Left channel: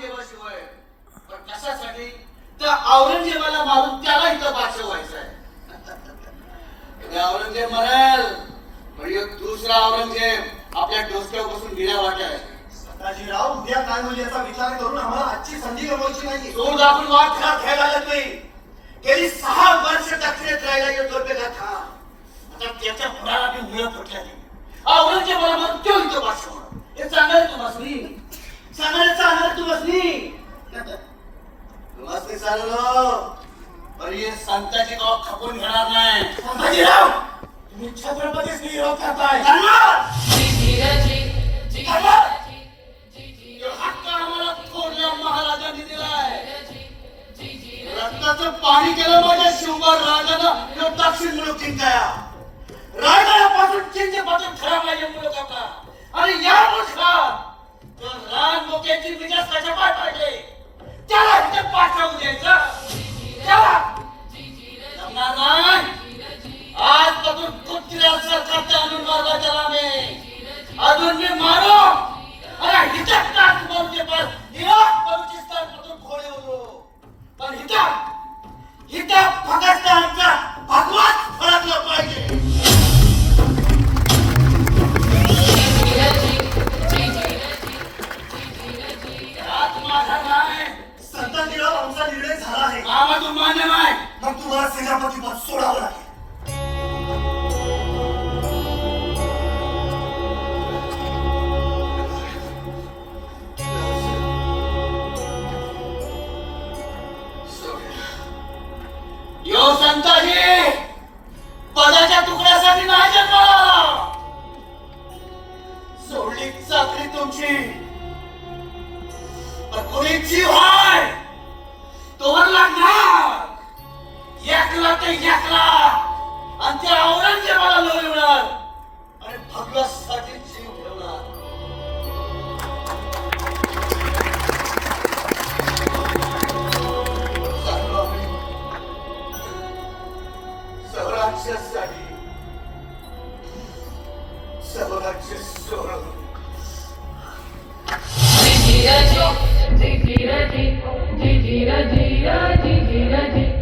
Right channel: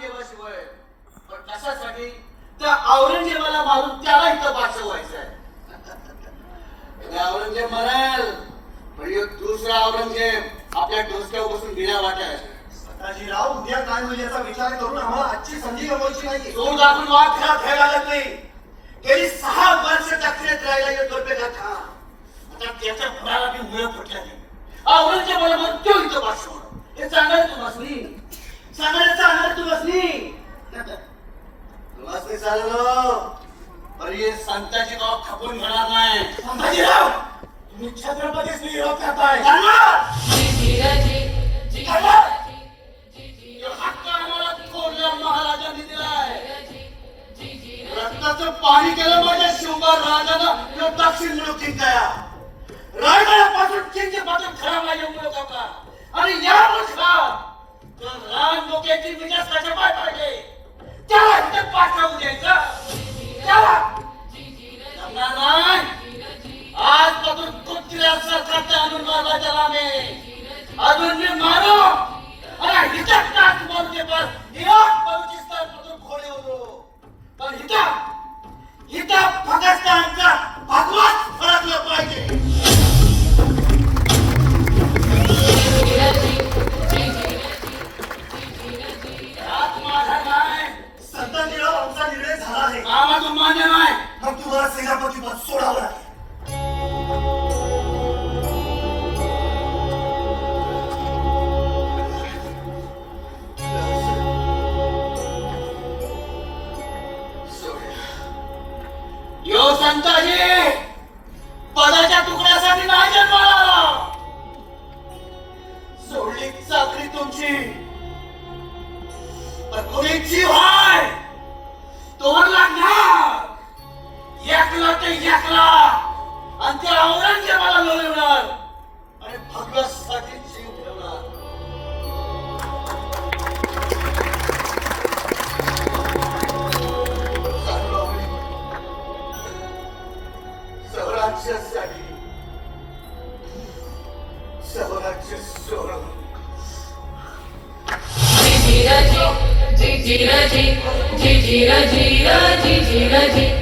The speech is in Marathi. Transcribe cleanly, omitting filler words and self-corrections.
औरंगजेबाशिवाय. पण कशासाठी? त्या औरंगजेबाला मारून त्याला इथं बादशाह व्हायचं आहे. औरंगजेब म्हणाल पण एक दुसरा औरंगजेब आपल्या डोसक्यावर बसून बिना वाटाय. सदाजीराव, उद्या काय होईल याचा विचार करून आम्हाला आजची संधी गमवायची नाही. सोड आपण वाद खेळायला लागत नाही. गेली 6 वर्ष दक्षिणेत राहिला येतो पेला था. आता त्याच्या मुलाला बी मुळे फुटल्या नाही. औरंगजेबाला मग तो इथं बादशाह होणार. हे सांगणार तू बसली, सांगणार तू बसली. चाललो पण हे संताची गाव खपून घेणार नाही. सदाजीराव, तुम्ही छत्रपतीच विरोध करताय. हक्क आम्हाला थोरल्या महाराजांनी दिलाय. रक्ताचं पाणी केलं माझ्या शिवबा राजानं दक्षिण मुलूक जिंकाया. रायगडापासून चिंचेपासून खराबला येऊन मुलूक आपला. आणि या मुलखात रान लोकांची विकास कशा पाय पाडले त्याला इथे पाठवून द्यायचं. त्याला जमणार नाही. आजपासून कुठल्या सरकारच्या आणून मारला त्याला मी. अजून मी मारू आणि हिच्यात तास मारूचे पास इराक बलुचिस्तान पासून खोले होतो. पण हिता पाकिस्तानचा भगवाच फळकला पाहिजे. सदाजीराव, आमचा निर्णय झाला आहे. आम्हाला मान्य नाही. मग तुम्हाला सेनापती पद सोडावं लागेल. यो संताजी पदाच्या तुकड्यासाठी नाही जन्माला. सोडली चाकरी तुमची पण कोणी जीव हाय तोवर लागणार. एकला ते एकला आणि त्या औरंगजेबाला लढवणार आणि भगवासाठी जीव ठेवणार. स्वराज्यासाठी स्वराज्य सोडून जी जी जी जी जी जी जी जी जी जी जी